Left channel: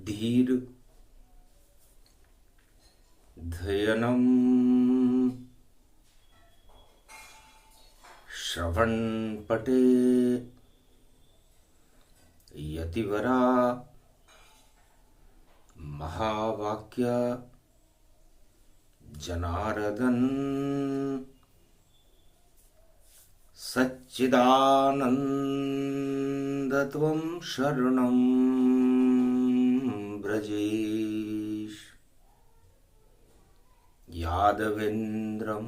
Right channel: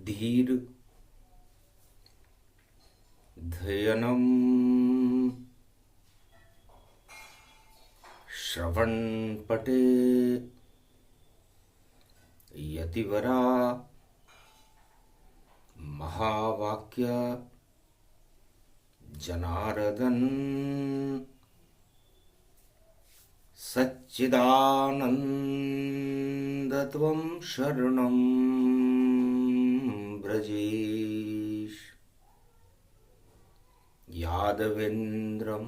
धीर ध्ययनम श्रवणपटे यतिवरा महावाक्य जनार्दन सच्चिदानन्दत्वं शरणं ब्रजेश यादवेन्द्रं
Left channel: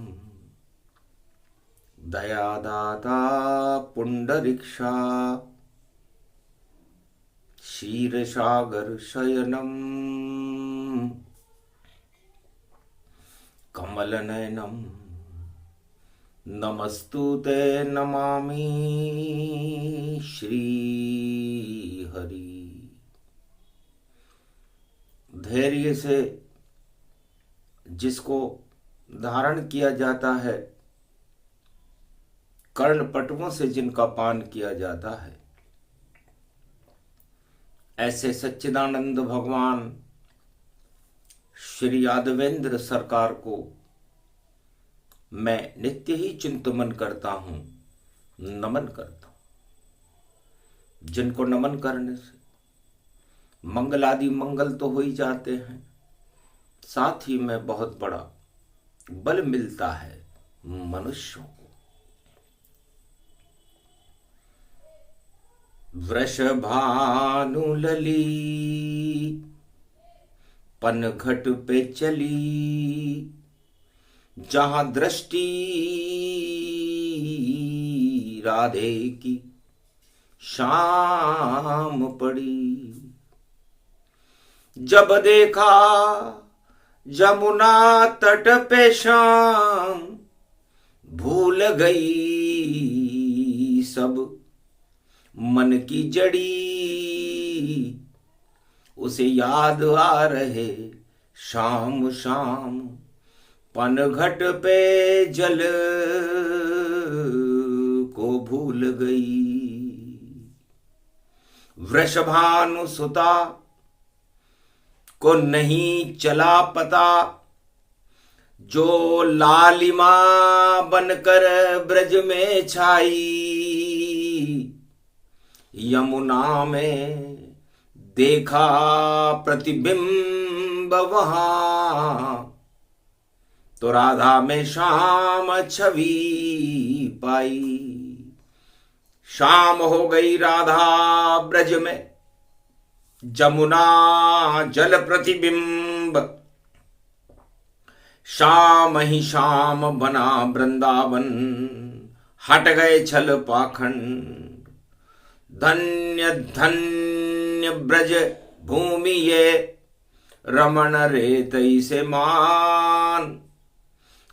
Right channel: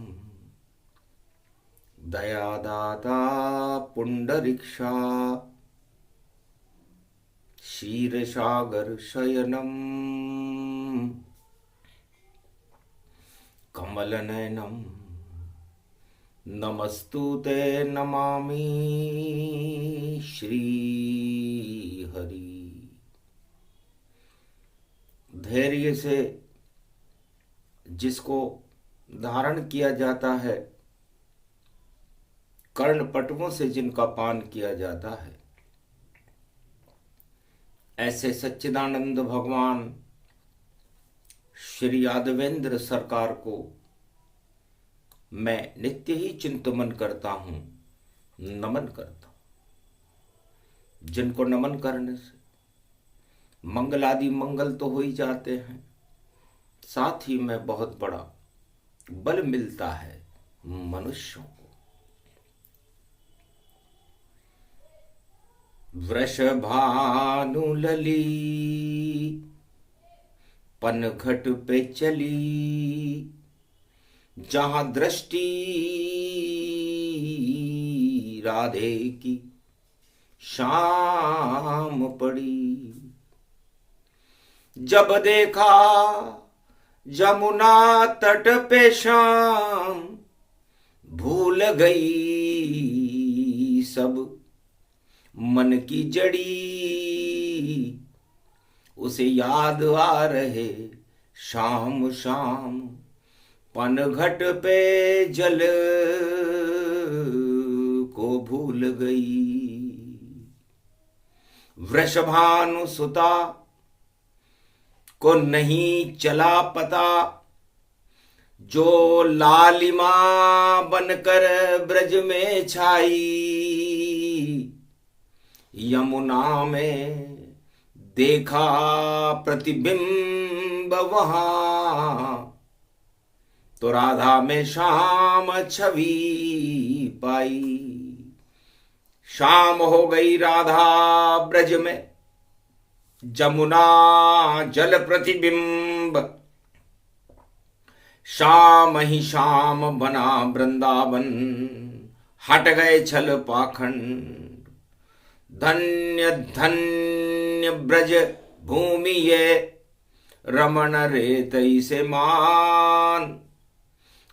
दयादाता पुण्डरीक्षा क्षीरसागर शयनं कमलनयनं नमस्तुते नमामि श्रीहरि। धैर्य से जिसको धारण किया जाता है, कर्णपटुओं से जिनका पान किया जाता है, ऐसे सच्चिदानंद भगवान श्री यादवेंद्र सरकार को मैं नित्य ही चिंतन करता हूं, नमन करता हूं। जिनको नमन करने से मंगल आदि मंगल तो हो ही जाते हैं, साथ ही में बहुत बड़ा बल मिलता है मनुष्यों को। वृषभानुलली पनघट पे चली, जहां दृष्टि राधे की शाम पड़ी। जब देखा जमुना तट पे शाम, भूल गई सब मन की जड़ी। उसे याद आ रहे शाम शाम, पनघट पे जल को भूल गई। वृषभानुसुता को नहीं चला पता, जो लालिमा बनकर ब्रज में छाई। यमुना में देखा प्रतिबिंब वहां, तो राधा में शाम छवि पाई। शाम हो गई राधा ब्रज में, जमुना जल प्रतिबिंब। शाम ही शाम बना वृंदावन, हट गए छल पाखंड। धन्य धन्य ब्रज भूमि ये, रमण रेतई से मान।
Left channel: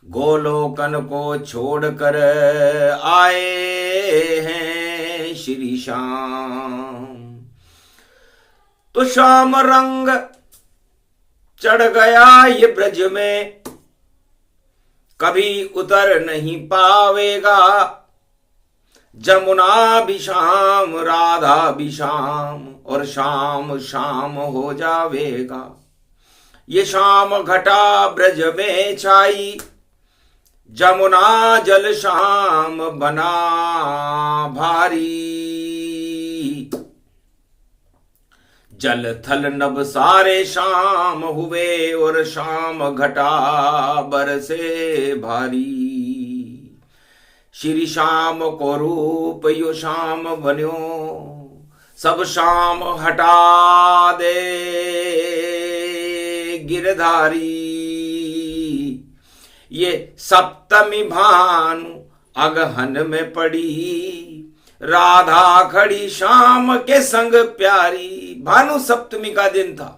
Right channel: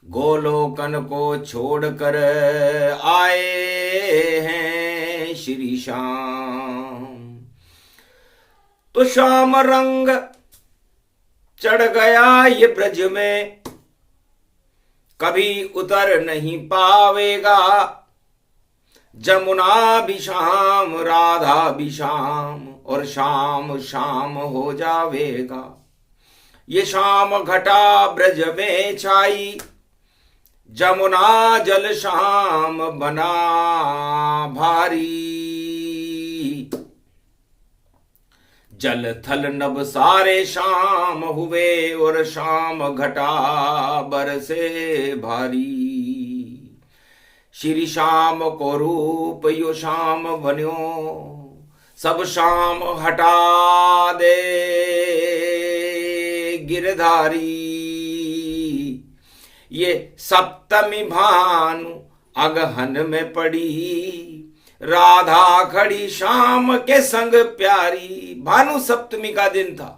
गोलोकन को छोड़कर आए हैं श्री श्याम। तो श्याम रंग चढ़ गया ये ब्रज में, कभी उतर नहीं पावेगा। जमुना भी शाम, राधा भी शाम, और शाम शाम हो जावेगा। ये शाम घटा ब्रज में छाई, जमुना जल शाम बना भारी। जल थल नभ सारे शाम हुए, और शाम घटा बरसे भारी। श्री श्याम को रूप यो शाम बन्यो, सब शाम हटा दे गिरधारी। ये सप्तमी भानु अगहन में पड़ी, राधा खड़ी शाम के संग प्यारी। भानु सप्तमी का दिन था।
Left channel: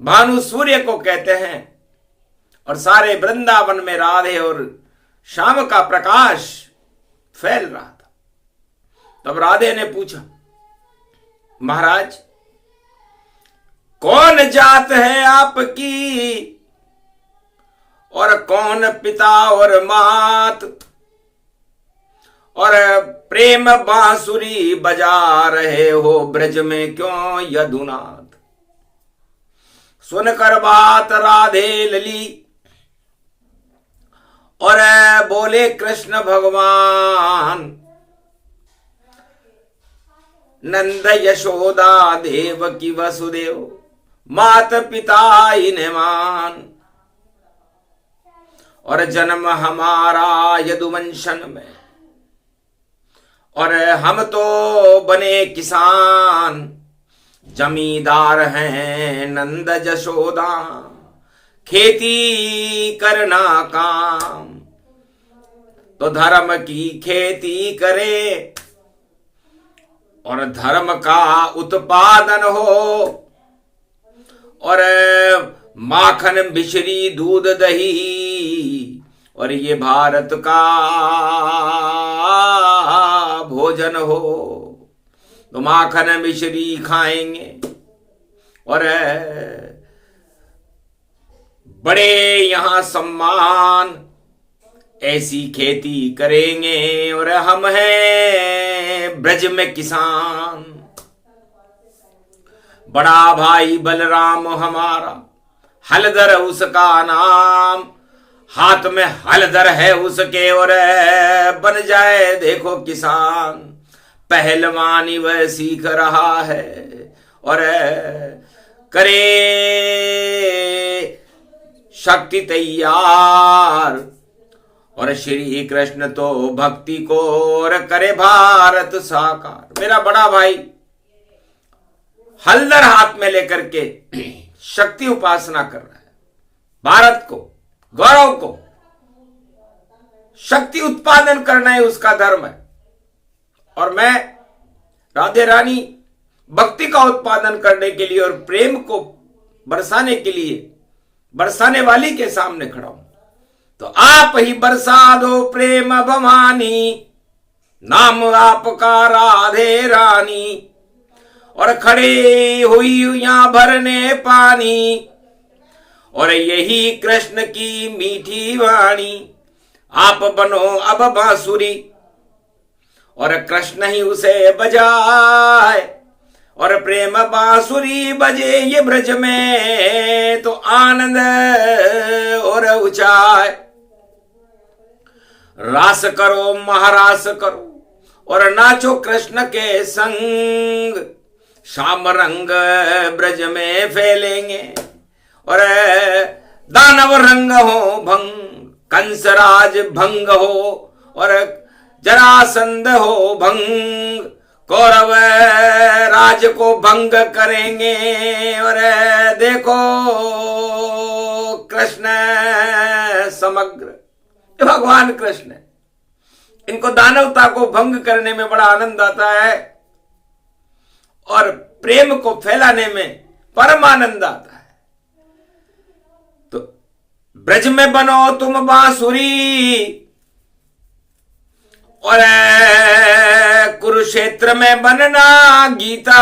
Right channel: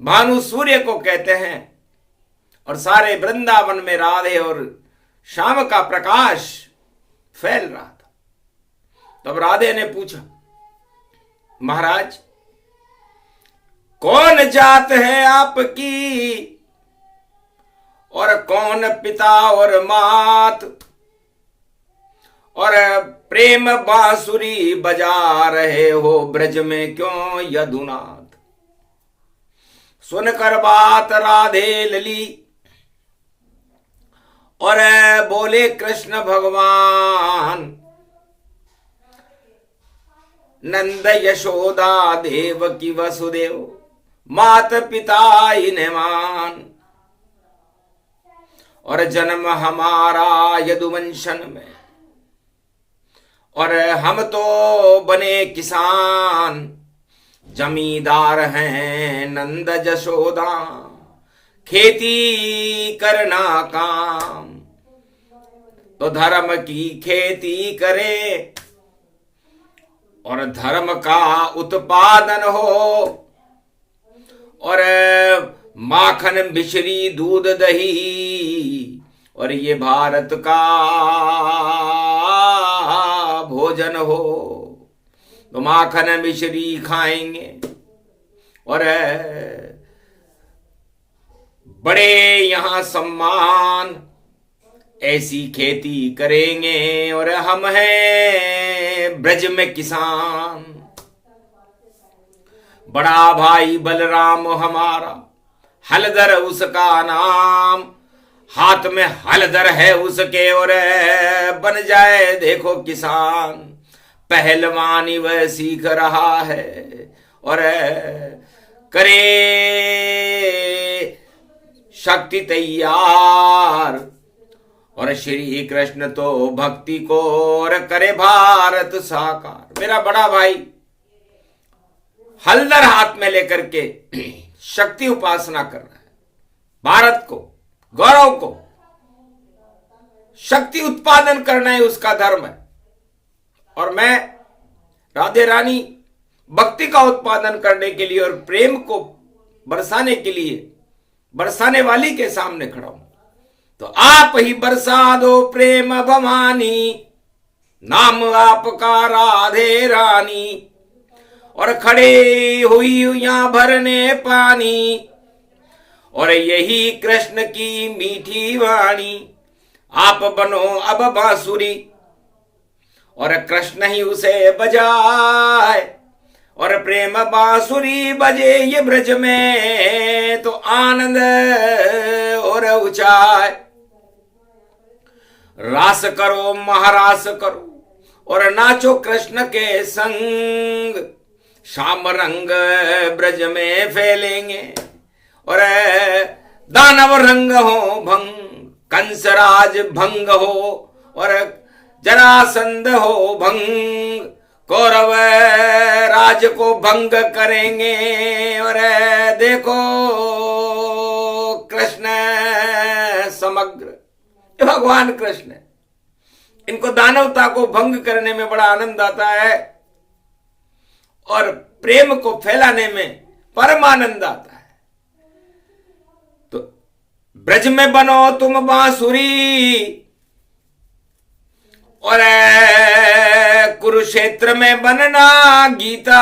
भानु सूर्य को कहते हैं, और सारे वृंदावन में राधे और शाम का प्रकाश फैल रहा था। तब राधे ने पूछा, महाराज कौन जात है आपकी, और कौन पिता और मात, और प्रेम बांसुरी बजा रहे हो ब्रज में क्यों यदुनाथ। सुनकर बात राधे लली और बोले कृष्ण भगवान, नंद यशोदा देवकी वसुदेव मात पिता इन्हें मान। और जन्म हमारा यदुवंशन में और हम तो बने किसान, जमींदार हैं नंद यशोदा खेती करना काम। तो धर्म की खेती करे और धर्म का उत्पादन हो और माखन मिश्री दूध दही और ये भारत का भोजन हो। तो माखन मिश्री खाएंगे और बड़े यहां सम्मान, ऐसी खेती करेंगे और हम हैं ब्रज में किसान। बड़ा भाई बलराम हमारा हलधर उसका नाम, हाथ में हलधर है उसके और बन जाए देखो किसान। पहलवानी वह सीख रहा है और करे शक्ति तैयार। और श्री कृष्ण तो भक्ति को और करे भारत साकार। मेरा बड़ा भाई हलधर हाथ में लेकर के शक्ति उपासना कर रहा है, भारत को, गौरव को, शक्ति उत्पादन करना है उसका धर्म है। और मैं राधे रानी भक्ति का उत्पादन करने के लिए और प्रेम को बरसाने के लिए बरसाने वाली के सामने खड़ा हूं। तो आप ही बरसा दो प्रेम भवानी, नाम आपका राधे रानी। और खड़े हुई यहां भरने पानी और यही कृष्ण की मीठी वाणी। आप बनो अब बांसुरी और कृष्ण ही उसे बजाए और प्रेम बांसुरी बजे ये ब्रज में तो आनंद और ऊंचाई। रास करो महारास करो और नाचो कृष्ण के संग। श्याम रंग ब्रज में फैलेंगे और दानव रंग हो भंग, कंसराज भंग हो और जरासंध हो भंग। कौरव राज को भंग करेंगे और देखो कृष्ण समग्र, भगवान कृष्ण, इनको दानवता को भंग करने में बड़ा आनंद आता है और प्रेम को फैलाने में परम आनंद आता है। तो ब्रज में बनो तुम बांसुरी और कुरुक्षेत्र में बनना गीता।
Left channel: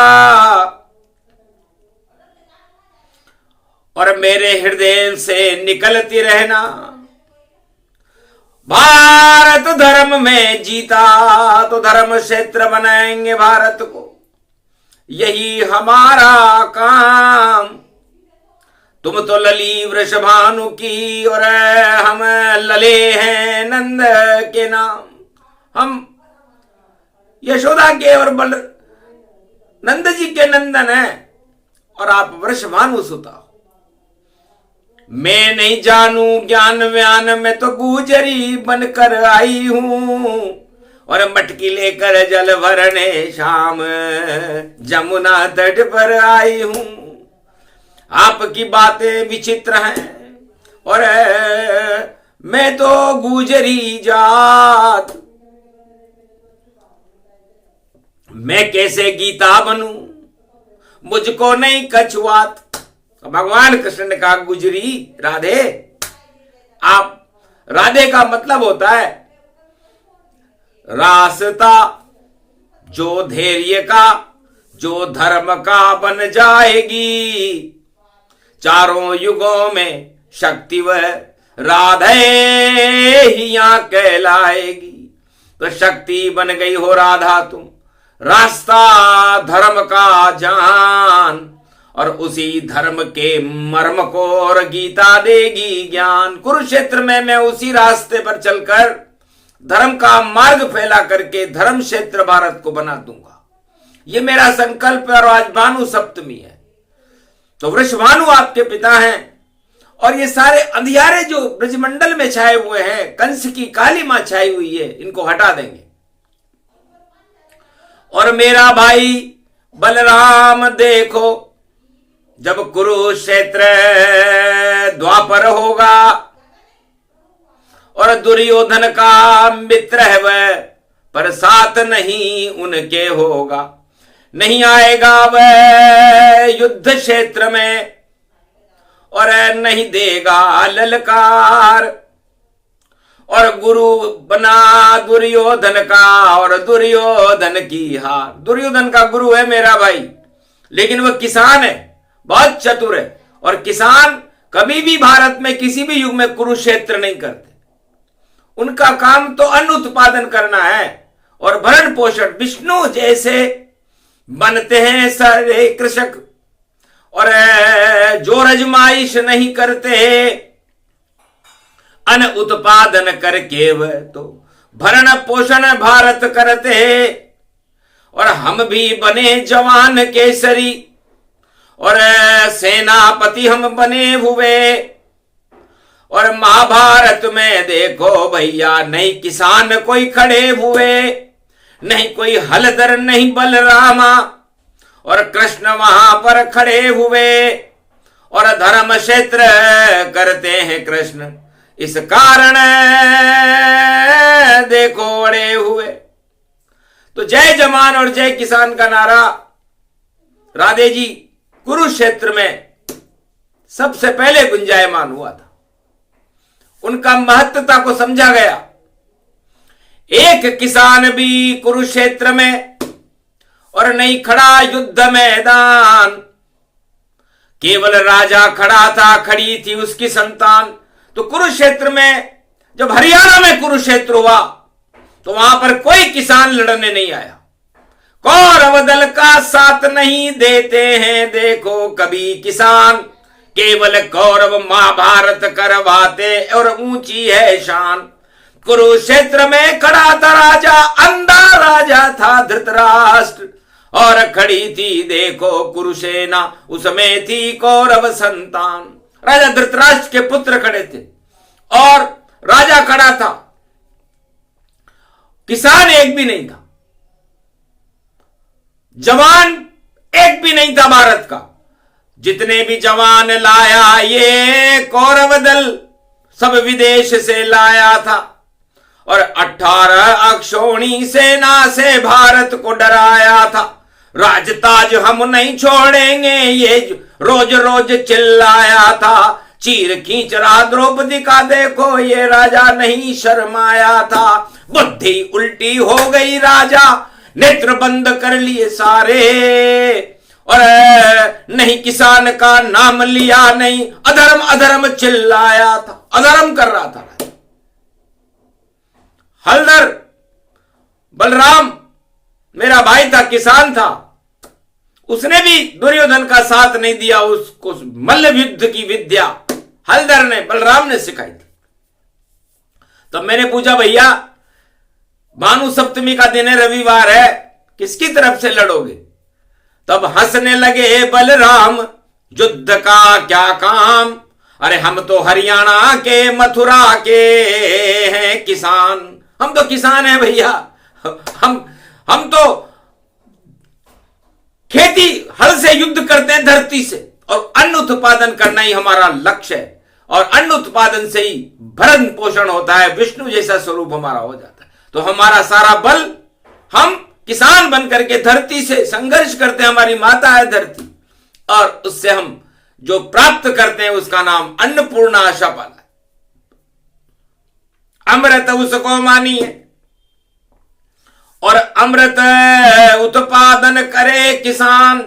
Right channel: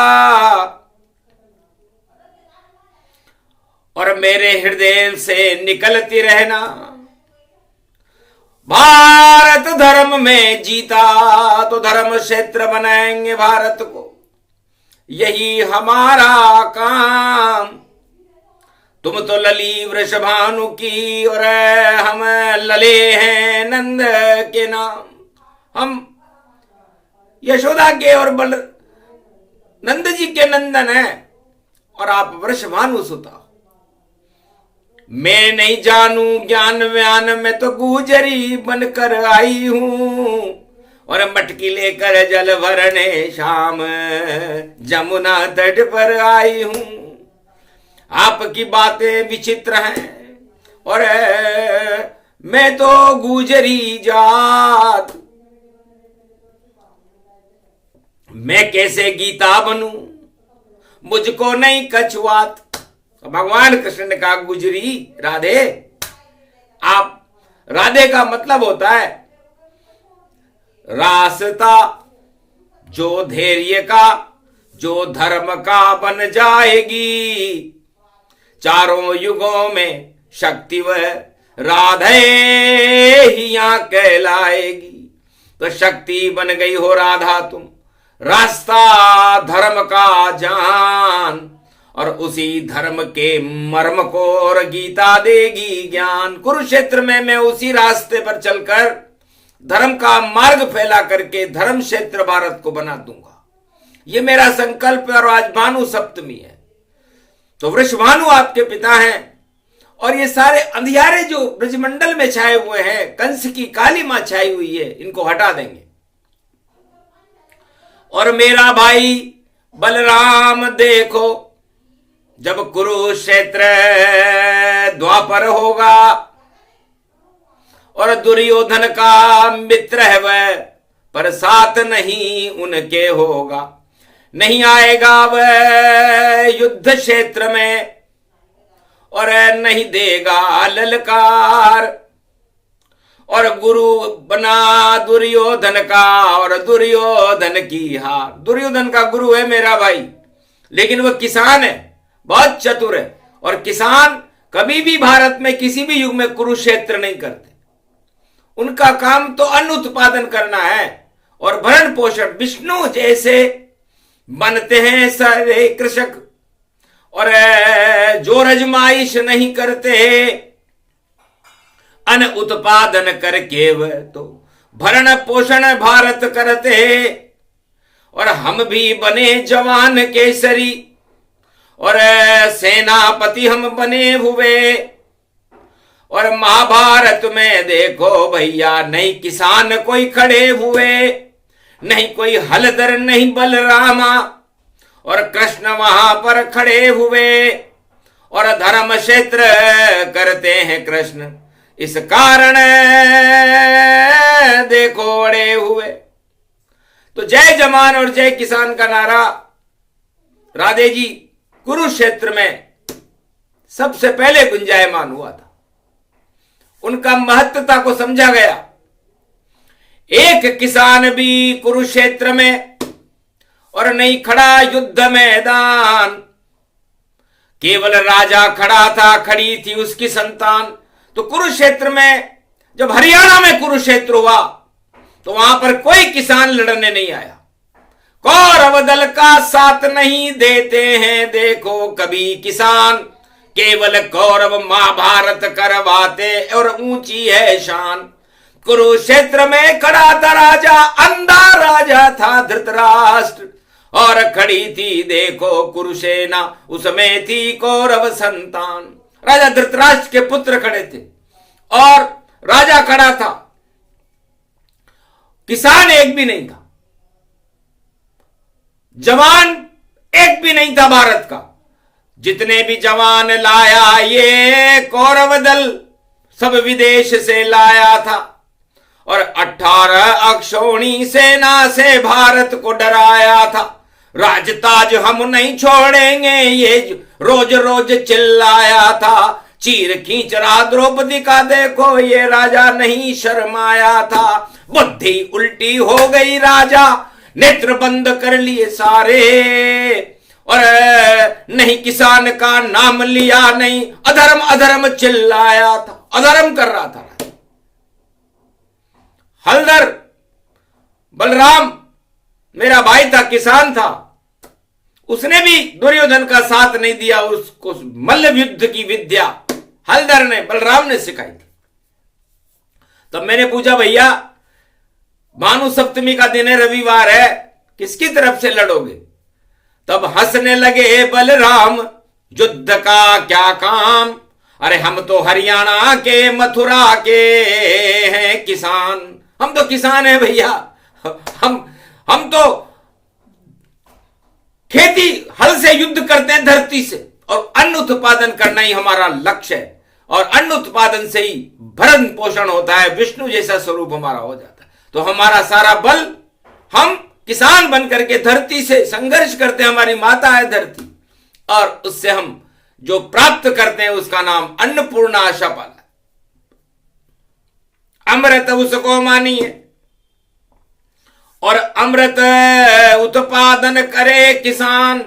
और मेरे हृदय से निकलती रहना भारत धर्म में जीता। तो धर्म क्षेत्र बनाएंगे भारत को, यही हमारा काम। तुम तो लली वृषभानु की और हम लले हैं नंद के नाम। हम यशोदा के और बल नंद जी के नंदन हैं और आप वृषभानु सुता हो। मैं नहीं जानू ज्ञान व्यान में तो गुजरी बनकर आई हूं और मटकी लेकर जल भरने शाम जमुना तट पर आई हूं। आपकी बातें विचित्र हैं और मैं तो गुजरी जात। मैं कैसे गीता बनूं, मुझको नहीं कछुआत। तो भगवान कृष्ण ने कहा गुजरी राधे। आप राधे का मतलब होता है रास्ता, जो धैर्य का, जो धर्म का बन जाएगी। चारों युगों में शक्ति वह राधे ही यहां कहलाएगी। तो शक्ति बन गई हो राधा तुम, रास्ता धर्म का जान, और उसी धर्म के मर्म को और गीता देगी ज्ञान। कुरुक्षेत्र में मैं उसी रास्ते पर चलकर धर्म का मार्ग फैला करके धर्म क्षेत्र भारत को बना दूंगा, ये मेरा संकल्प है। और आज भानु सप्तमी है, तो वृषभानु आपके पिता हैं, और ये सारे अंधियारे जो ब्रजमंडल में छाए हुए हैं, कंस की काली मां छाई हुई है, इनको हटा देंगे। और मेरा भाई बलराम देखो, जब कुरुक्षेत्र द्वापर होगा और दुर्योधन का मित्र है वह, पर साथ नहीं उनके होगा, नहीं आएगा वह युद्ध क्षेत्र में और नहीं देगा ललकार, और गुरु बना दुर्योधन का और दुर्योधन की हार। दुर्योधन का गुरु है मेरा भाई, लेकिन वह किसान है, बहुत चतुर है, और किसान कभी भी भारत में किसी भी युग में कुरुक्षेत्र नहीं करते। उनका काम तो अन्न उत्पादन करना है और भरण पोषण। विष्णु जैसे बनते हैं सारे कृषक, और जो रजमाइश नहीं करते अन्न उत्पादन करके वह तो भरण पोषण भारत करते हैं। और हम भी बने जवान केसरी और सेनापति हम बने हुए, और महाभारत में देखो भैया नहीं किसान कोई खड़े हुए, नहीं कोई हलधर नहीं बलरामा, और कृष्ण वहां पर खड़े हुए, और धर्म क्षेत्र करते हैं कृष्ण, इस कारण देखो अड़े हुए। तो जय जवान और जय किसान का नारा राधे जी कुरुक्षेत्र में सबसे पहले गुंजायमान हुआ था। उनका महत्वता को समझा गया। एक किसान भी कुरुक्षेत्र में और नहीं खड़ा युद्ध मैदान, केवल राजा खड़ा था, खड़ी थी उसकी संतान। तो कुरुक्षेत्र में जब हरियाणा में कुरुक्षेत्र हुआ तो वहां पर कोई किसान लड़ने नहीं आया। कौरव दल का साथ नहीं देते हैं देखो कभी किसान, केवल कौरव महाभारत करवाते और ऊंची है शान। कुरुक्षेत्र में खड़ा था राजा, अंधा राजा था धृतराष्ट्र, और खड़ी थी देखो कुरुसेना, उसमें थी कौरव संतान। राजा धृतराष्ट्र के पुत्र खड़े थे और राजा खड़ा था, किसान एक भी नहीं था, जवान एक भी नहीं था भारत का। जितने भी जवान लाया ये कौरव दल सब विदेश से लाया था, और 18 अक्षौणी सेना से भारत को डराया था। राजताज हम नहीं छोड़ेंगे ये रोज रोज चिल्लाया था। चीर खींच रहा द्रौपदी का देखो ये राजा नहीं शर्माया था। बुद्धि उल्टी हो गई राजा, नेत्र बंद कर लिए सारे, और नहीं किसान का नाम लिया, नहीं अधर्म अधर्म चिल्लाया था, अधर्म कर रहा था। हलधर बलराम मेरा भाई था, किसान था, उसने भी दुर्योधन का साथ नहीं दिया। उसको मल्ल युद्ध की विद्या हलधर ने, बलराम ने सिखाई थी। तब मैंने पूछा भैया भानु सप्तमी का दिन है, रविवार है, किसकी तरफ से लड़ोगे? तब हंसने लगे बलराम, युद्ध का क्या काम, अरे हम तो हरियाणा के मथुरा के हैं किसान। हम तो किसान हैं भैया, हम तो खेती हल से युद्ध करते हैं धरती से, और अन्न उत्पादन करना ही हमारा लक्ष्य है, और अन्न उत्पादन से ही भरण पोषण होता है, विष्णु जैसा स्वरूप हमारा हो जाता है। तो हमारा सारा बल, हम किसान बनकर के धरती से संघर्ष करते हैं, हमारी माता है धरती, और उससे हम जो प्राप्त करते हैं उसका नाम अन्नपूर्णा आशापाला। अमृत उसको मानिए, और अमृत उत्पादन करे किसान,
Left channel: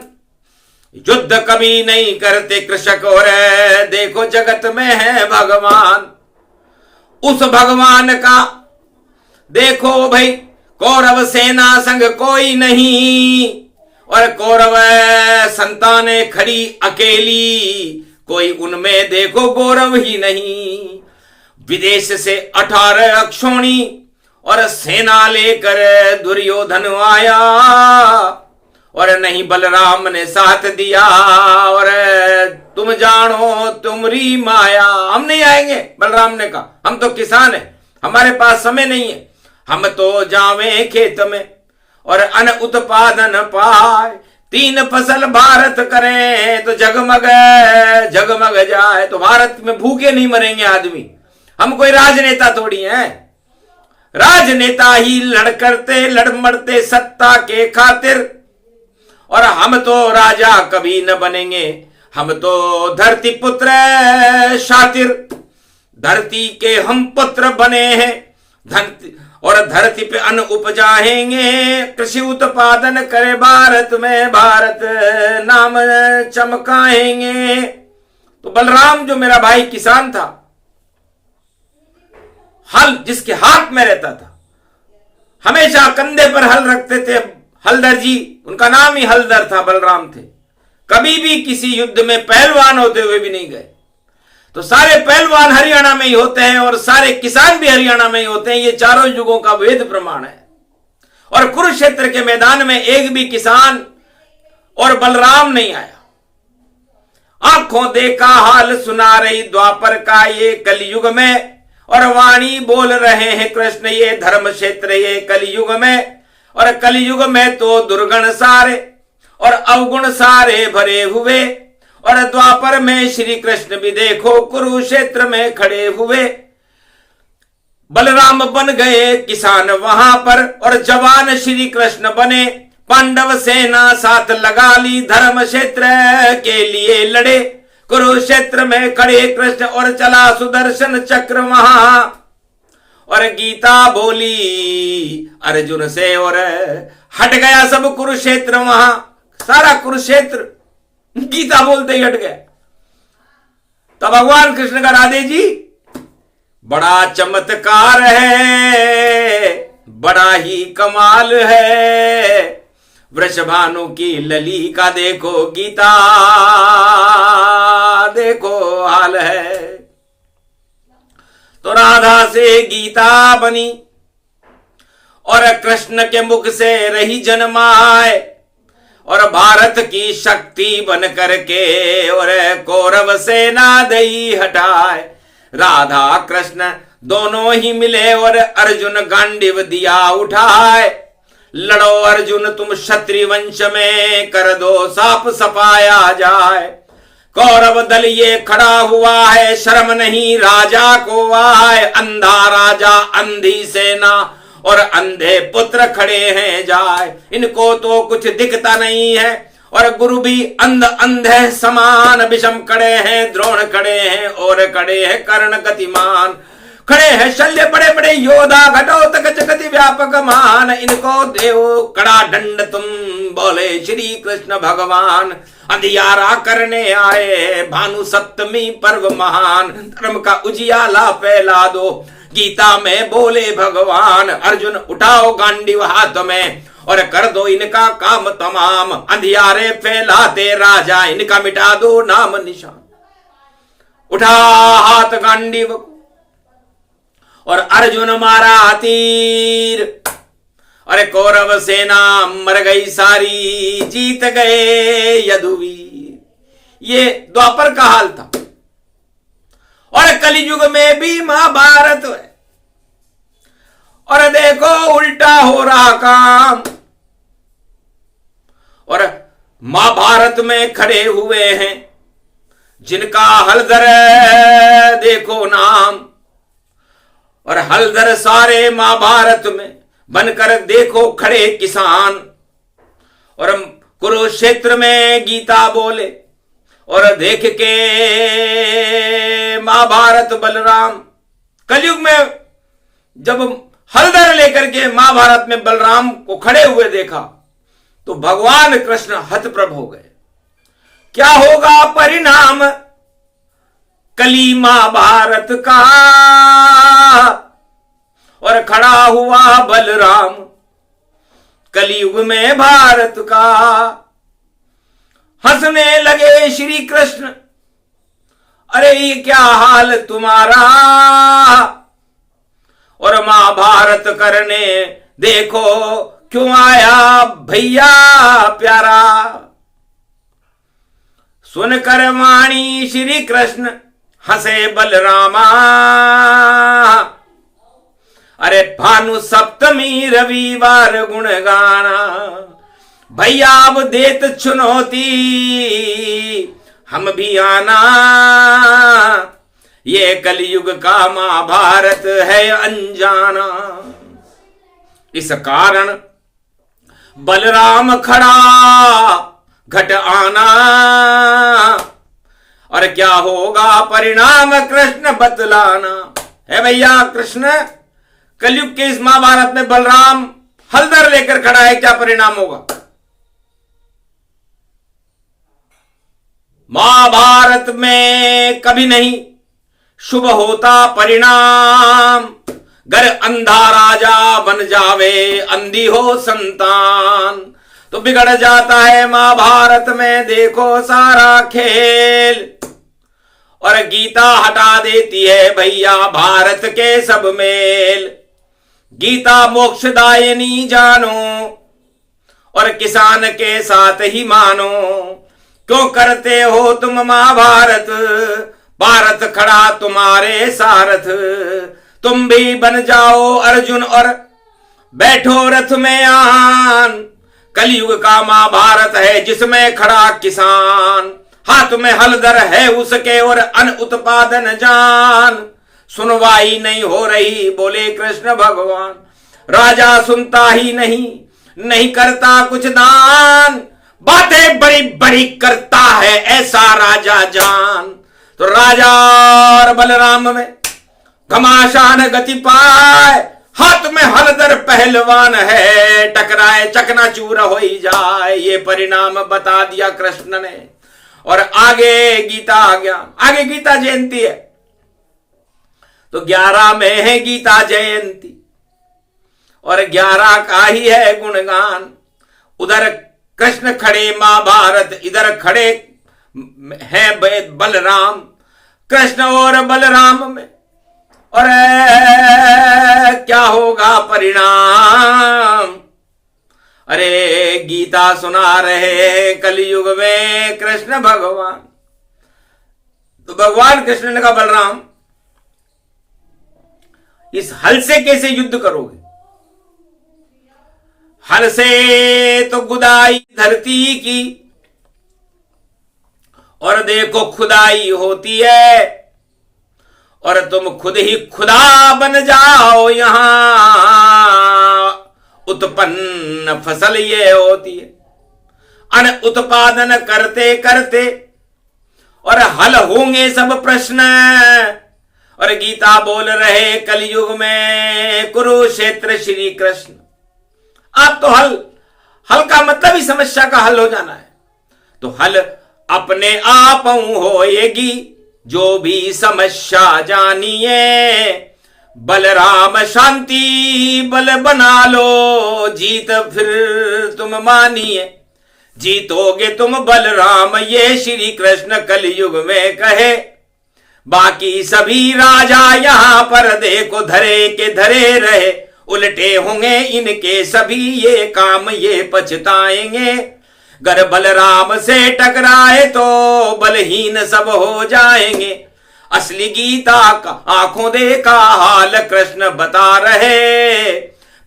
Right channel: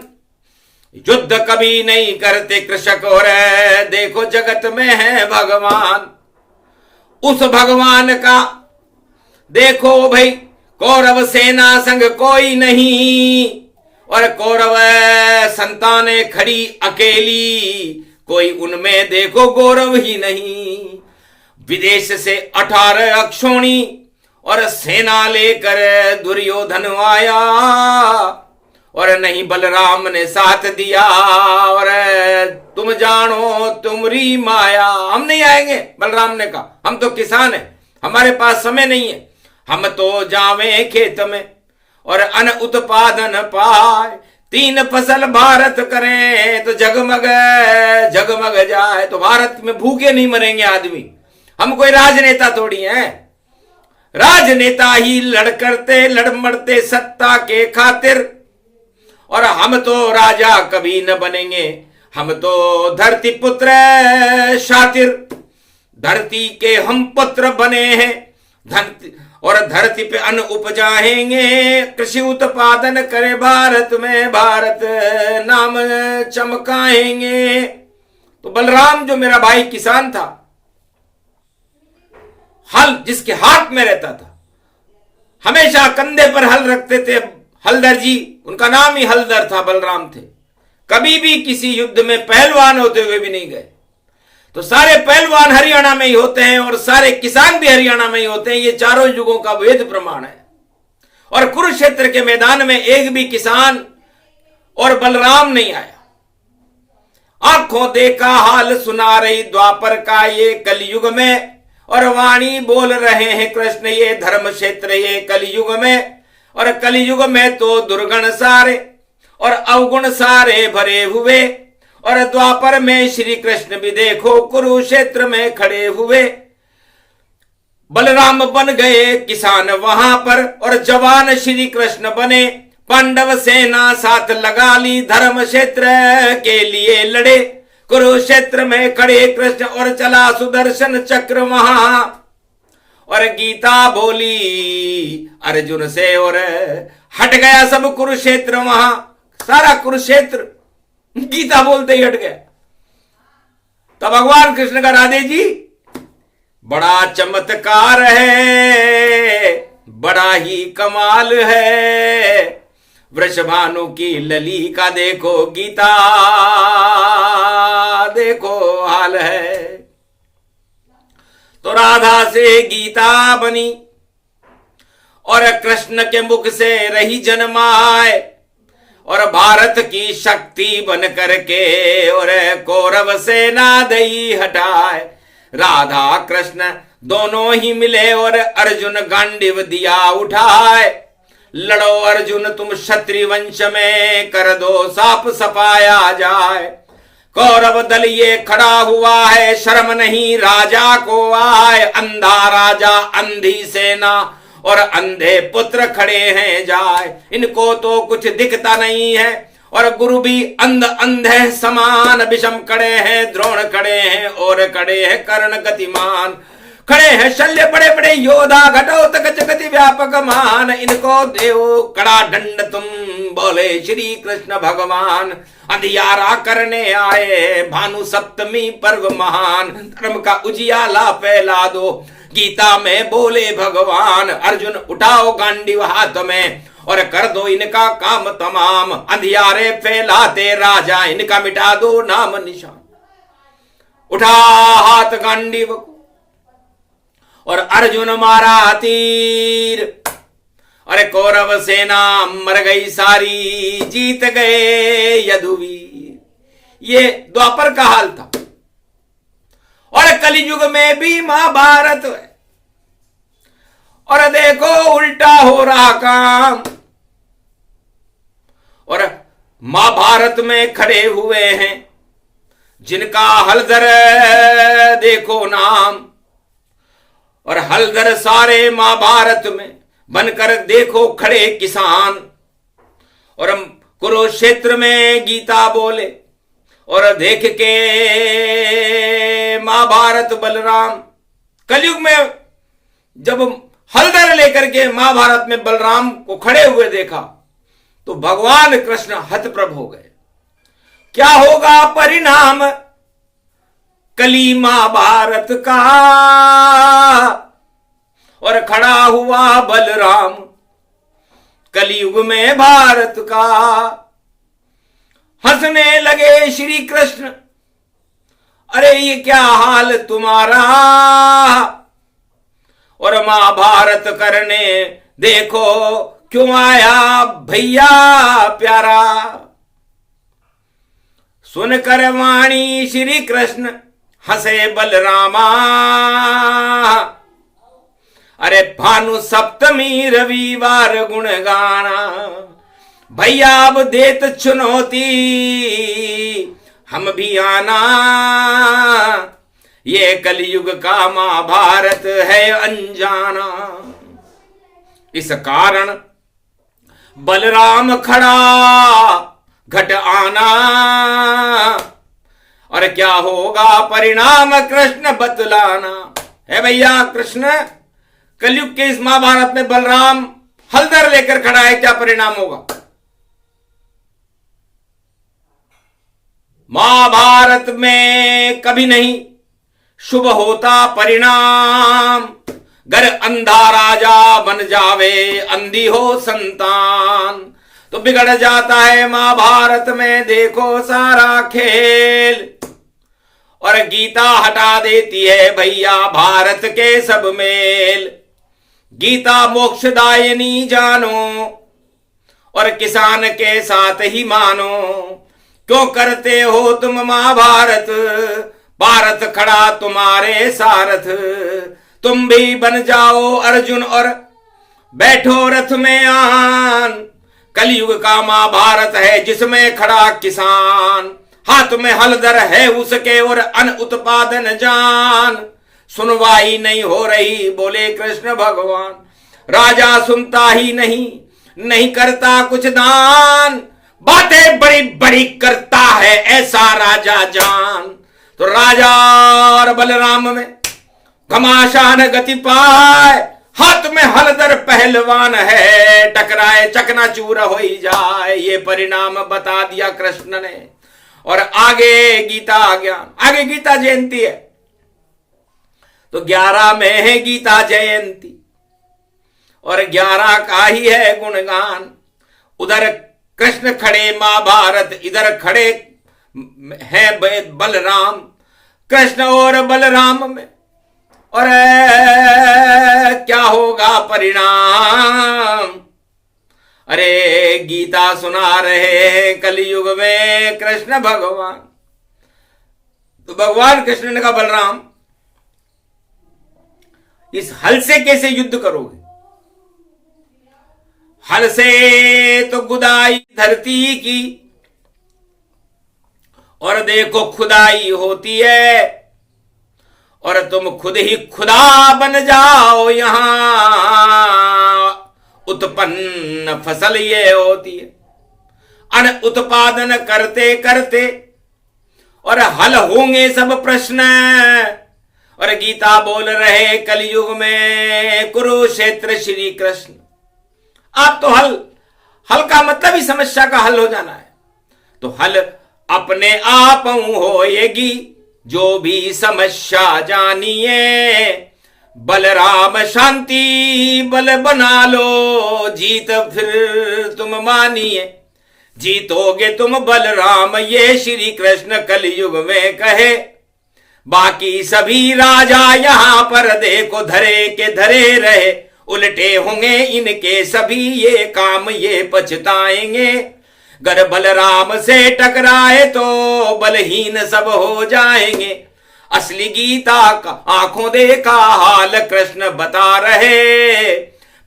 युद्ध कभी नहीं करते कृषक, और देखो जगत में है भगवान। उस भगवान का देखो भाई कौरव सेना संग कोई नहीं, और कौरव संतानें खड़ी अकेली, कोई उनमें देखो गौरव ही नहीं। विदेश से 18 अक्षौणी और सेना लेकर दुर्योधन आया, और नहीं बलराम ने साथ दिया, और तुम जानो तुम्हारी माया। हम नहीं आएंगे, बलराम ने कहा, हम तो किसान हैं, हमारे पास समय नहीं है, हम तो जावे खेत में और अन्न उत्पादन पाए। 3 फसल भारत करें तो जगमग जगमग जाए। तो भारत में भूखे नहीं मरेंगे आदमी, हम कोई राजनेता थोड़ी हैं। राजनेता ही लड़ करते लड़ मरते सत्ता के खातिर, और हम तो राजा कभी न बनेंगे, हम तो धरती पुत्र शातिर। धरती के हम पुत्र बने हैं, धरती और धरती पे अन्न उपजाएंगे। कृषि उत्पादन करे भारत में, भारत नाम चमकाएंगे। तो बलराम जो मेरा भाई किसान था, हल जिसके हाथ में रहता था, हमेशा कंधे पर हल रखते थे, हलदर जी, उनका नाम ही हलदर था, बलराम थे। कभी भी किसी युद्ध में पहलवान होते हुए भी नहीं गए। तो सारे पहलवान हरियाणा में ही होते हैं और सारे किसान भी हरियाणा में ही होते हैं, ये चारों युगों का वेद प्रमाण है। और कुरुक्षेत्र के मैदान में एक भी किसान और बलराम नहीं आया। आंखों देखा हाल सुना रही द्वापर का ये कलयुग में, और वाणी बोल रहे हैं कृष्ण ये धर्म क्षेत्र ये कलयुग में। और कलयुग में तो दुर्गुण सारे और अवगुण सारे भरे हुए, और द्वापर में श्री कृष्ण भी देखो कुरुक्षेत्र में खड़े हुए। बलराम बन गए किसान वहां पर, और जवान श्री कृष्ण बने। पांडव सेना साथ लगा ली, धर्म क्षेत्र के लिए लड़े। कुरुक्षेत्र में खड़े कृष्ण, और चला सुदर्शन चक्र वहां। और गीता बोली अर्जुन से, और हट गया सब कुरुक्षेत्र वहां। सारा कुरुक्षेत्र गीता बोलते ही हट गया। तो भगवान कृष्ण का राधे जी, बड़ा चमत्कार है, बड़ा ही कमाल है। वृषभानु की लली का देखो गीता, देखो हाल है। तो राधा से गीता बनी, और कृष्ण के मुख से रही जन्माए, और भारत की शक्ति बन करके और कौरव सेना दई हटाए। राधा कृष्ण दोनों ही मिले, और अर्जुन गांडीव दिया उठाए। लड़ो अर्जुन तुम क्षत्रिय वंश में, कर दो साफ सफाया जाए। कौरव दल ये खड़ा हुआ है, शर्म नहीं राजा को आए। अंधा राजा अंधी सेना और अंधे पुत्र खड़े हैं जाए। इनको तो कुछ दिखता नहीं है, और गुरु भी अंधे समान। विषम खड़े हैं, द्रोण खड़े हैं, और खड़े हैं कर्ण गतिमान। खड़े हैं शल्य बड़े बड़े योद्धा, घटोत्कच जगति व्यापक मान। इनको देव कड़ा दंड तुम, बोले श्री कृष्ण भगवान। अंधियारा करने आए, भानु सप्तमी पर्व महान। धर्म का उजियाला फैला दो, गीता में बोले भगवान। अर्जुन उठाओ गांडीव हाथ में, और कर दो इनका काम तमाम। अंधियारे फैलाते राजा, इनका मिटा दो नाम निशान। उठा हाथ गांडीव को, और अर्जुन मारा तीर। अरे कौरव सेना मर गई सारी, जीत गए यदुवीर। ये द्वापर का हाल था। और कलियुग में भी महाभारत है, और देखो उल्टा हो रहा काम। और महाभारत में खड़े हुए हैं जिनका हलधर देखो नाम। और हलधर सारे महाभारत में बनकर देखो खड़े किसान। और कुरुक्षेत्र में गीता बोले, और देख के महाभारत बलराम। कलयुग में जब हलधर लेकर के महाभारत में बलराम को खड़े हुए देखा, तो भगवान कृष्ण हतप्रभ हो गए। क्या होगा परिणाम कली महाभारत का। और खड़ा हुआ बलराम कलयुग में भारत का। हंसने लगे श्री कृष्ण, अरे ये क्या हाल तुम्हारा, और महाभारत करने देखो क्यों आया भैया प्यारा। सुनकर वाणी श्री कृष्ण हंसे बलरामा, अरे भानु सप्तमी रविवार गुण गाना। भैया अब देत चुनौती हम भी आना, ये कलयुग का महाभारत है अनजाना। इस कारण बलराम खड़ा घट आना, और क्या होगा परिणाम कृष्ण बतलाना। है भैया कृष्ण, कलयुग के इस महाभारत में बलराम हलदर लेकर खड़ा है, क्या परिणाम होगा। महाभारत में कभी नहीं शुभ होता परिणाम, गर अंधा राजा बन जावे अंधी हो संतान, तो बिगड़ जाता है महाभारत में देखो सारा खेल। और गीता हटा देती है भैया भारत के सब मेल। गीता मोक्षदायिनी जानो, और किसान के साथ ही मानो। क्यों करते हो तुम महाभारत, भारत खड़ा तुम्हारे सारथ। तुम भी बन जाओ अर्जुन और बैठो रथ में आन। कलयुग का महाभारत है जिसमें खड़ा किसान, हाथ में हलदर है उसके और अन्न उत्पादन जान। सुनवाई नहीं हो रही बोले कृष्ण भगवान, राजा सुनता ही नहीं करता कुछ दान। बातें बड़ी बड़ी करता है ऐसा राजा जान। तो राजा और बलराम में घमासान गति पाए, हाथ में हलदर पहलवान है, टकराए चकनाचूर हो ही जाए। ये परिणाम बता दिया कृष्ण ने। और आगे गीता आ गया, आगे गीता जयंती है, तो 11 में है गीता जयंती, और 11 का ही है गुणगान। उधर कृष्ण खड़े महाभारत, इधर खड़े है बलराम। कृष्ण और बलराम में और क्या होगा परिणाम। अरे गीता सुना रहे हैं कलयुग में कृष्ण भगवान। तो भगवान कृष्ण ने कहा बलराम इस हल से कैसे युद्ध करोगे। हल से तो गुदाई धरती की, और देखो खुदाई होती है, और तुम खुद ही खुदा बन जाओ। यहां उत्पन्न फसल ये होती है, अन्न उत्पादन करते करते, और हल होंगे सब प्रश्न। और गीता बोल रहे कलयुग में कुरुक्षेत्र श्री कृष्ण। आप तो हल का मतलब ही समस्या का हल हो जाना है। तो हल अपने आप होएगी जो भी समस्या जानिए। बलराम शांति बल बना लो, जीत फिर तुम मानिए। जीतोगे तुम बलराम ये श्री कृष्ण कलयुग में कहे। बाकी सभी राजा यहां पर देखो धरे के धरे रहे, उल्टे होंगे इनके सभी ये काम, ये पछताएंगे। गर बलराम से टकराए तो बलहीन सब हो जाएंगे। असली गीता का आंखों देखा हाल कृष्ण बता रहे।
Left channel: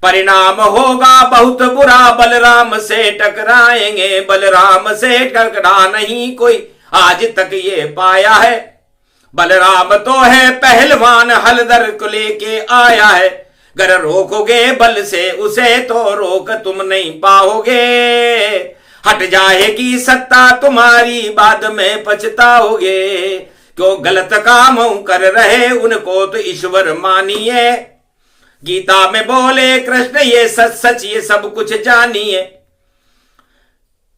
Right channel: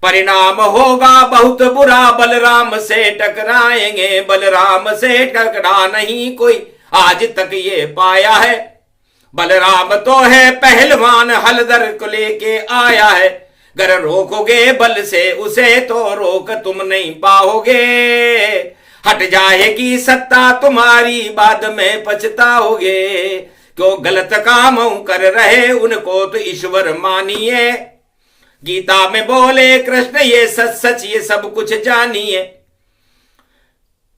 परिणाम होगा बहुत बुरा, बलराम से टकराएंगे। बलराम से टकरा नहीं कोई आज तक ये पाया है। बलराम तो है पहलवान, हलदर को लेके आया है। गर रोकोगे बल से उसे तो रोक तुम नहीं पाओगे। हट जाएगी सत्ता तुम्हारी, बाद में पछताओगे। क्यों गलत काम कर रहे उनको तो ईश्वर मानिए। गीता में बोले कृष्ण ये सच सच ये सब कुछ जानिए।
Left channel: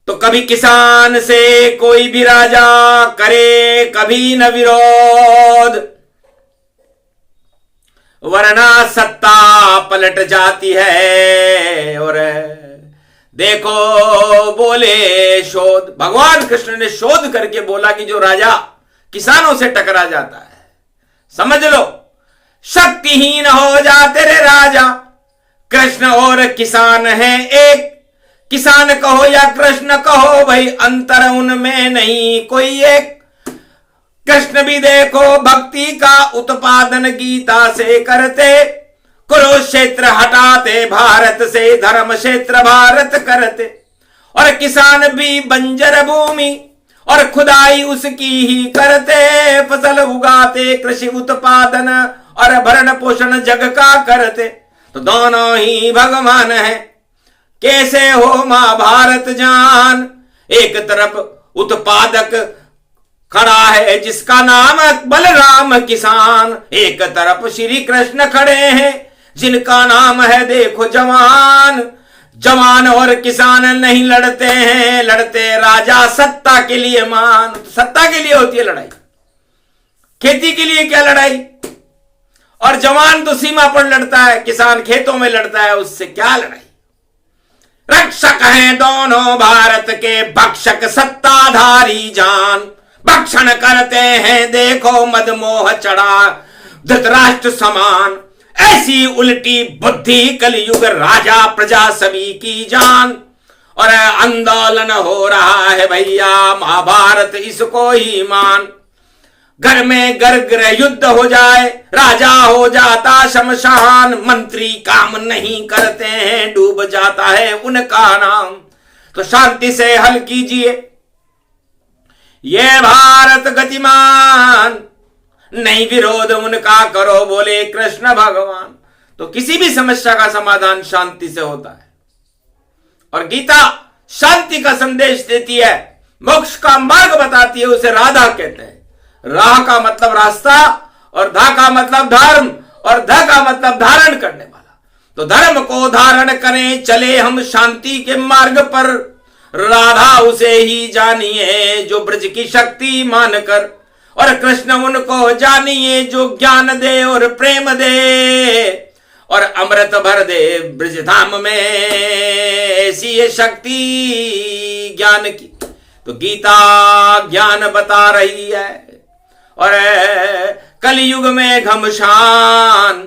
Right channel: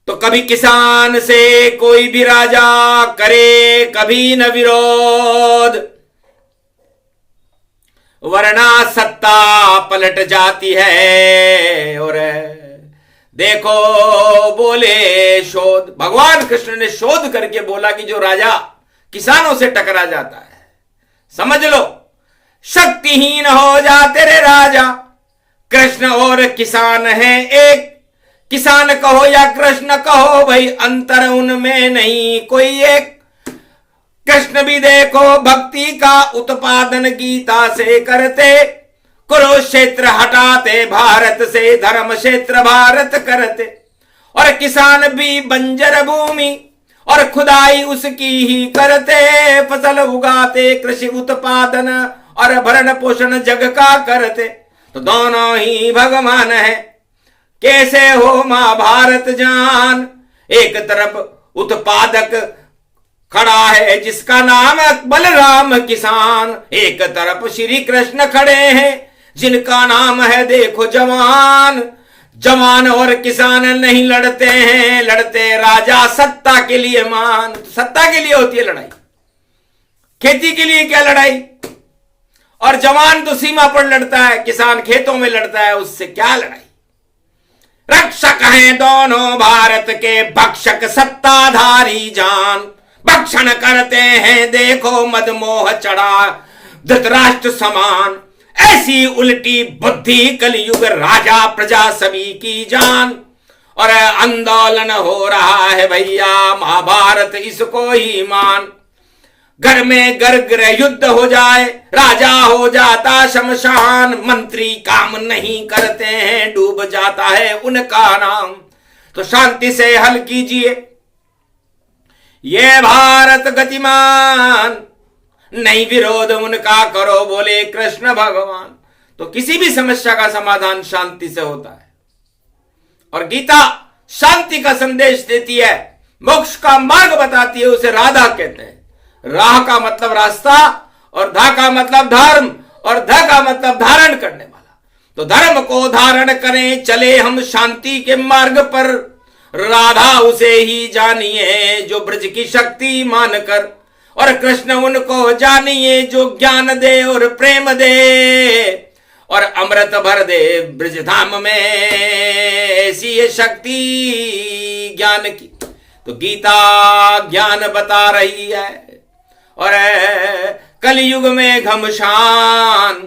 तो कभी किसान से कोई भी राजा करे कभी न विरोध। वरना सत्ता पलट जाती है। और देखो बोले शोध, भगवान कृष्ण ने शोध करके बोला कि जो राजा किसानों से टकरा जाता है, समझ लो शक्तिहीन हो जाते रे राजा। कृष्ण और किसान है एक, किसान कहो या कृष्ण कहो भाई, अंतर उनमें नहीं कोई एक। कृष्ण भी देखो भक्ति का उत्पादन गीता से करते, कुरुक्षेत्र हटाते भारत से, धर्म क्षेत्र भारत करते। और किसान भी बंजर भूमि और खुदाई उसकी ही करते, फसल उगाते कृषि उत्पादन और भरण पोषण जग का करते। तो दोनों ही भगवान है, कैसे हो महाभारत जान। एक तरफ उत्पादक खड़ा है जिसका नाम बलराम किसान, एक तरफ श्री कृष्ण खड़े हैं जिनका नाम है देखो जवान। जवान और किसान नहीं लड़ते हैं, लड़ते राजा सत्ता के लिए मान। तो सत्ता के लिए होती है लड़ाई, खेती के लिए क्या लड़ाई। और जवान तो सीमा पर लड़ता है, किसान खेतों में लड़ता है, उससे क्या लड़ाई। रक्षक हैं दोनों भारत के, भक्षक सत्ताधारी जान। भक्षण करते हैं देखो मदमोह चढ़ा धृतराष्ट्र समान। ऐसी उल्टी बुद्धि कलयुग राजा प्रजा सभी की जान। और आंदोलन हो रहा है भैया महाभारत इसको ही मान। घर में गर्ग्र युद्ध हो जाए, राजा हो जाता शमशान। मंत्री काम नहीं करते हैं, डूब जाता है उनका नाम। तो शांति से हल कीजिए ये भारत गतिमान, नहीं विरोध उनका करो बोले कृष्ण भगवान। तो किसी भी समस्या का समाधान शांति से होता है। और गीता शांति का संदेश देती है, मोक्ष का मार्ग बताती है, उसे राधा कहते हैं। राह का मतलब रास्ता, और धा का मतलब धर्म, और ध का मतलब धारण करने वाला। तो धर्म को धारण करें चले हम शांति के मार्ग पर। राधा उसे ही जानिए जो ब्रज की शक्ति मानकर, और कृष्ण उनको जानिए जो ज्ञान दे और प्रेम दे, और अमृत भर दे ब्रज धाम में ऐसी ये शक्ति ज्ञान की। तो गीता ज्ञान बता रही है। और कलयुग में घमशान,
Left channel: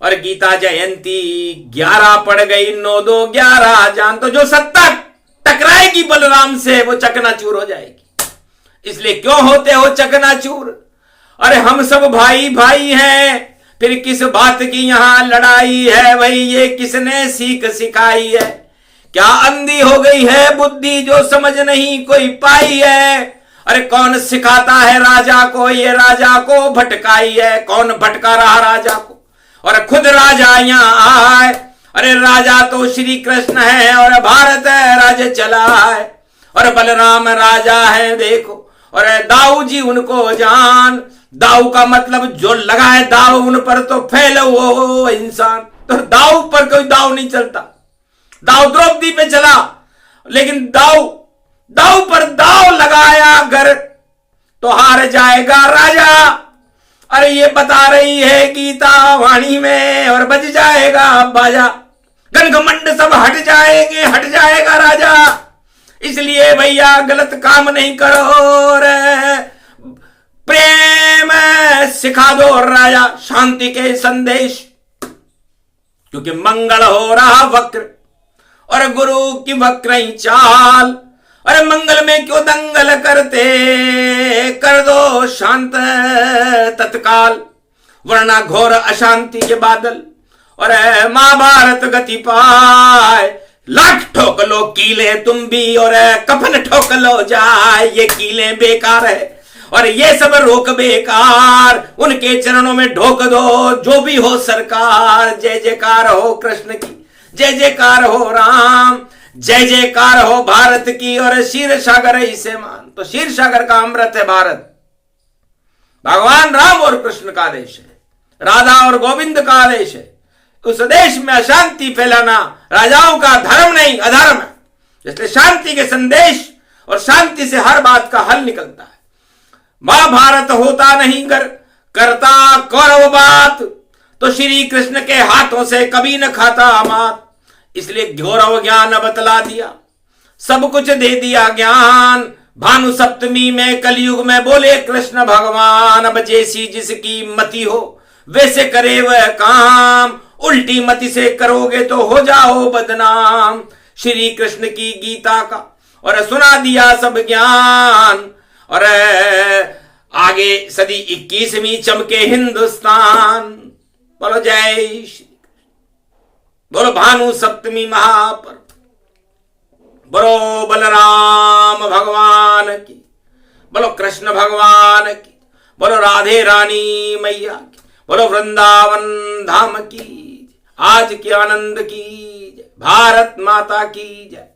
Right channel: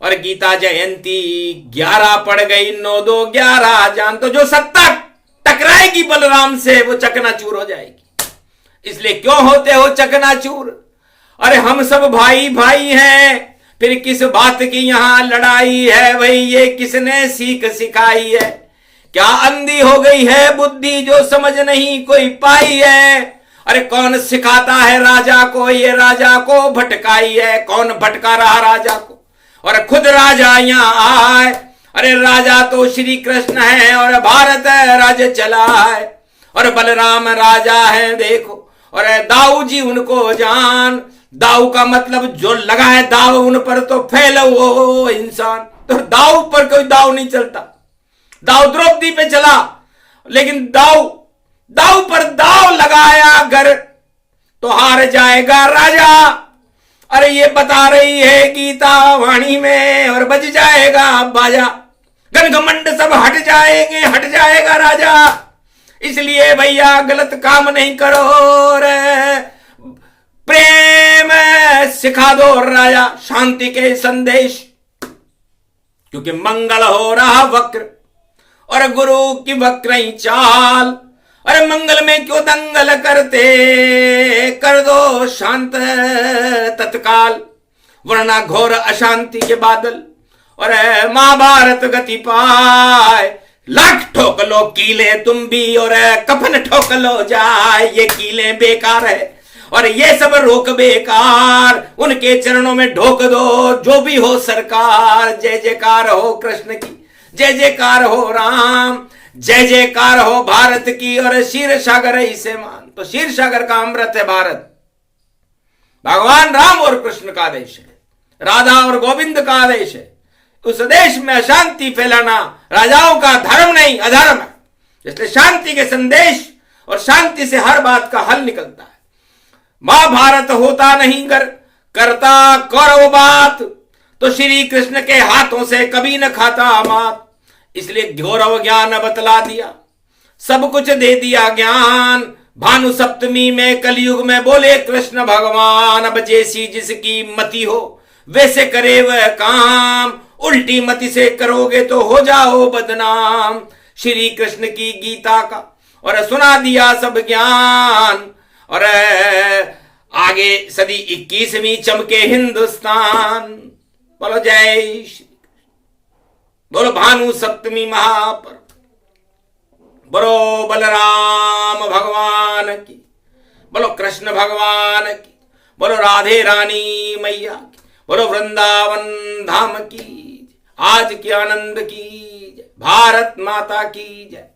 और गीता जयंती 11 पड़ गई, 9 2 11 जान। तो जो सत्ता टकराएगी बलराम से वो चकनाचूर हो जाएगी। इसलिए क्यों होते हो चकनाचूर। अरे हम सब भाई भाई हैं, फिर किस बात की यहां लड़ाई है। भाई ये किसने सीख सिखाई है, क्या अंधी हो गई है बुद्धि जो समझ नहीं कोई पाई है। अरे कौन सिखाता है राजा को, ये राजा को भटकाई है। कौन भटका रहा राजा को, और खुद राजा यहां आए। अरे राजा तो श्री कृष्ण है, और भारत राज्य चला है, और बलराम राजा है देखो। और दाऊ जी उनको जान। दाऊ का मतलब जो लगाए दाव उन पर तो फैलो वो इंसान। तो दाऊ पर कोई दाव नहीं चलता। दाव द्रौपदी पे चला, लेकिन दाऊ पर दाव लगाया अगर तो हार जाएगा राजा। अरे ये बता रही है गीता वाणी में, और बज जाएगा बाजा। घमंड सब हट जाएंगे, हट जाएगा राजा। इसलिए भैया गलत काम नहीं करो, रे प्रेम सिखा दो राजा, शांति के संदेश। क्योंकि मंगल हो रहा वक्र, और गुरु की वक्र ही चाल। अरे मंगल में क्यों दंगल करते, कर दो शांत तत्काल, वरना घोर अशांति के बादल। और महाभारत गति पाए, लाख ठोक लो कीले तुम भी, और कफन ठोक लो जाए। ये कीले बेकार है, और ये सब रोक बेकार। उनके चरणों में ढोक दो जो भी हो सरकार। जय जयकार हो कृष्ण की, जय जयकार हो राम, जय जयकार हो भारत की। और क्षीर सागर इसे मान। तो क्षीर सागर का अमृत है भारत। भगवान राम और कृष्ण का देश है, राधा और गोविंद का देश है। उस देश में अशांति फैलाना राजाओं का धर्म नहीं अधर्म है। इसलिए शांति के संदेश और शांति से हर बात का हल निकलता है। महाभारत होता नहीं करता कौरव बात, तो श्री कृष्ण के हाथों से कभी न खाता मात, इसलिए गौरव ज्ञान बतला दिया, सब कुछ दे दिया ज्ञान। भानु सप्तमी में कलयुग में बोले कृष्ण भगवान, अब जैसी जिसकी मति हो वैसे करे वह काम, उल्टी मति से करोगे तो हो जाओ बदनाम। श्री कृष्ण की गीता का और सुना दिया सब ज्ञान, और आगे सदी 21वीं चमके हिंदुस्तान। बोलो जय श्री कृष्ण, बोलो भानु सप्तमी महापर्व, बोलो बलराम भगवान की, बोलो कृष्ण भगवान की, बोलो राधे रानी मैया की, बोलो वृंदावन धाम की, आज के आनंद की, भारत माता की जय।